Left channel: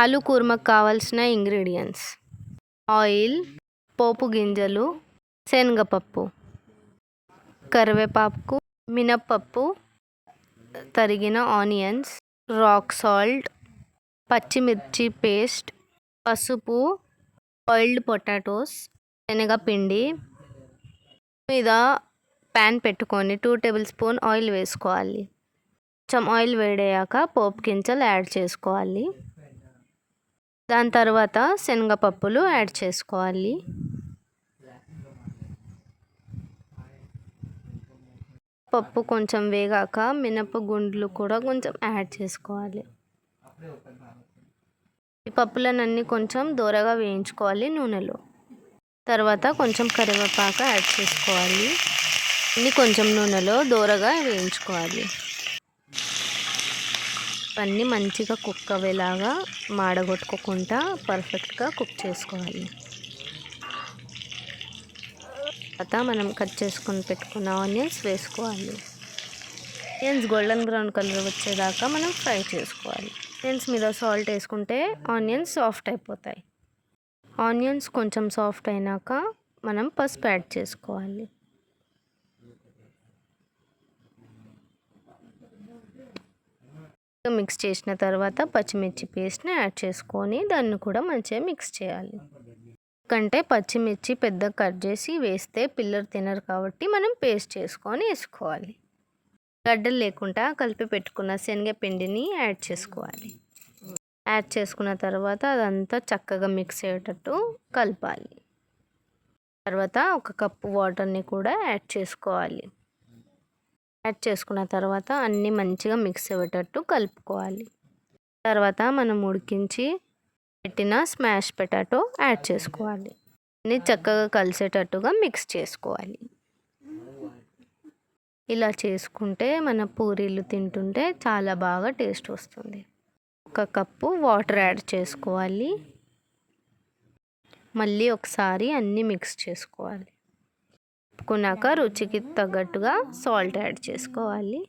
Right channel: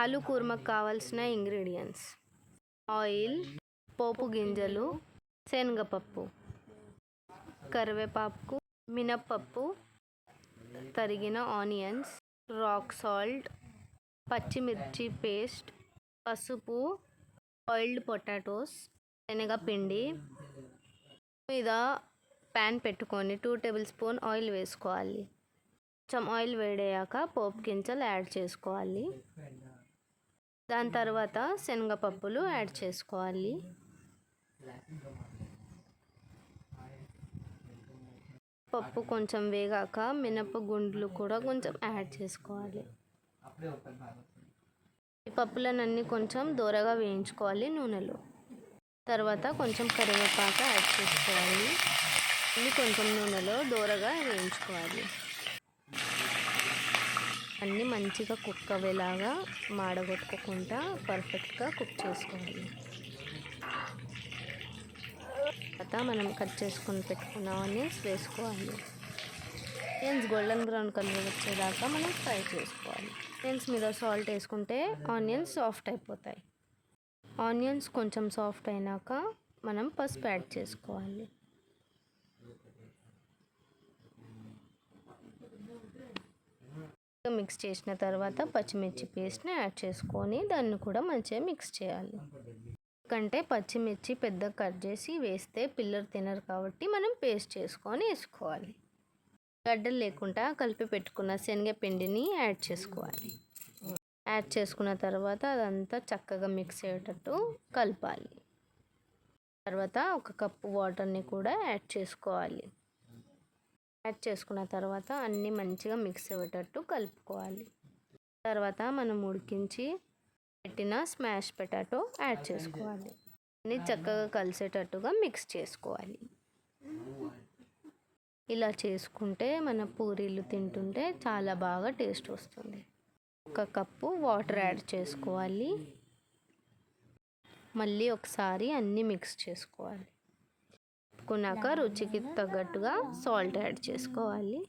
ఆలు కూర్మకు కావాల్సిన ingredients: oil, పోపు గింజలు, శనగపప్పు, కరివేపాకు, మినప్పప్పు, తరిగిన ఆనియన్స్, రాక్ సాల్ట్, పచ్చిమిర్చి పేస్ట్, పసుపు, బాయిల్డ్ పొటాటోస్, శనగపిండి. మీద ప్యాన్ పెట్టుకొని 2 టేబుల్ స్పూన్ ఆయిల్ వేసుకోవాలి. కొంచెం ఆయిల్ వేడయ్యాక పోపు గింజలు యాడ్ చేసుకోవాలి. దాని తర్వాత శనగపప్పులు యాడ్ చేసుకోవాలి. పప్పు కొంచెం వేగాక మినప గుండ్లు కూడా కొంచెం యాడ్ చేసుకోవాలి. ఈ పప్పులన్నీ కొంచెం దోరగా వేయించుకోవాలి నూనెలో. తర్వాత కొంచెం కరివేపాకు యాడ్ చేసుకోవాలి. అన్నీ కొంచెం నూనెలో దోరగా వేయించుకోవాలి. అన్నీ మంచిగా కుక్ అయ్యేలాగా మాడగొట్టుకోకుండా పర్ఫెక్ట్గా కుక్ చేసుకోవాలి. తర్వాత మనం కట్ చేసుకొని పెట్టుకున్న ఆనియన్స్ వేసుకోవాలి. ఆనియన్స్ గోల్డెన్ బ్రౌన్ కలర్ వచ్చేదాకా మనం ఫ్రై చేసుకోవాలి. ఆనియన్స్ మీద సాల్ట్ వేసుకుంటే ఆనియన్స్ సాఫ్ట్ అయిపోతాయి. ఆనియన్స్ కొంచెం సాఫ్ట్ అయినాక మనం పసుపు యాడ్ చేసుకోవాలి. మిక్స్ చేసిన తర్వాత పచ్చిమిర్చి పేస్ట్ని యాడ్ చేసుకొని దాన్ని కూడా మంచిగా మిక్స్ చేయాలి. ఎందుకంటే పచ్చిమిర్చి పెద్దగా కట్ చేసి వేస్తే పిల్లలు తినరు కాబట్టి మనం పేస్ట్ చేసుకొని వేసుకోవాలి. గడ్డలు లేకుండా కలిపి పెట్టుకున్న శనగపిండిని యాడ్ చేసుకోవాలి. యాడ్ చేసుకున్న తర్వాత అదంతా చక్కగా మిక్స్ అయ్యేటట్టు కలపాలి. తర్వాత 1 కప్పు వాటర్ని కూడా యాడ్ చేసుకోవాలి. యాడ్ చేసుకున్న తర్వాత అన్నీ మంచిగా మిక్స్ అయ్యేటట్టు కలుపుకోవాలి. తర్వాత మనం ఉడికించి పెట్టిన స్మాష్ పొటాటో యాడ్ చేసుకోవాలి. అన్నీ చక్కగా కలిసేటట్టుగా మిక్స్ చేసుకోవాలి. ఇలా చేసుకుంటే మన పూరీలు తింటుంటే చాలా బాగా టేస్ట్ వస్తుంది. 1 కప్పు వాటర్ యాడ్ చేసుకోవాలి. మళ్ళీ ఒకసారి అన్నీ మిక్స్ చేసుకోవాలి. కలుపుకున్నాక రుచికి తగ్గట్టుగా సాల్ట్ యాడ్ చేసుకోవాలి.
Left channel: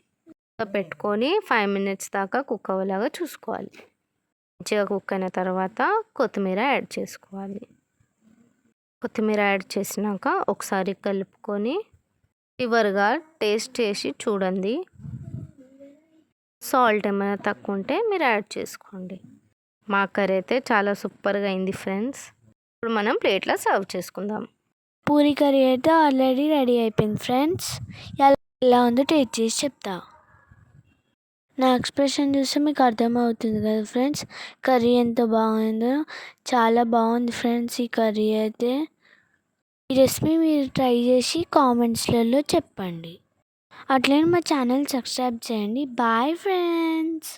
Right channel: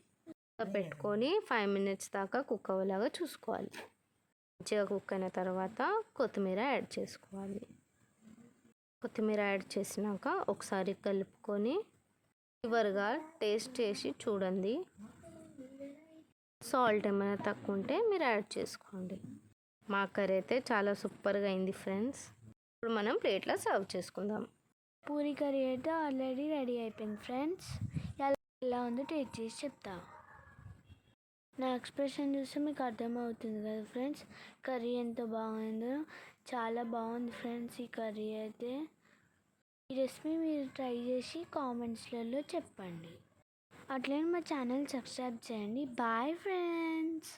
పెట్టుకొని 5 మినిట్స్ దాకా కుక్ అవ్వేలాగా చూసుకోవాలి. మంచిగా కుక్ అయిన తర్వాత కొత్తిమీర యాడ్ చేసుకోవాలి. కొత్తిమీర యాడ్ చేసినాక ఒకసారి కలుపుకొని చివరిగా టేస్ట్ చేసి చూడండి. సాల్ట్ ఏమైనా తక్కువ ఉంటే మీరు యాడ్ చేసుకోండి. మా కర్రీ అయితే చాలా సూపర్గా అయింది ఫ్రెండ్స్. ఇప్పుడు మనం ప్లేట్లో సర్వ్ చేసుకుందాం. పూరీ కర్రీ అయితే ఆల్రెడీ రెడీ అయిపోయింది ఫ్రెండ్స్. ఎలా ఉందో టేస్ట్ చేసి చెప్తా. నా ఎక్స్ప్రెషన్ చూస్తే మీకు అర్థమవుతుంది కదా ఫ్రెండ్స్, కర్రీ ఎంత బాగుందో. చాలా బాగుంది ఫ్రెండ్స్ ఈ కర్రీ అయితే. ఈ రెసిపీ మీరు ట్రై చేసి కామెంట్స్లలో చెప్పండి. అట్లనే మా ఛానల్ సబ్స్క్రైబ్ చేయండి. Bye friends.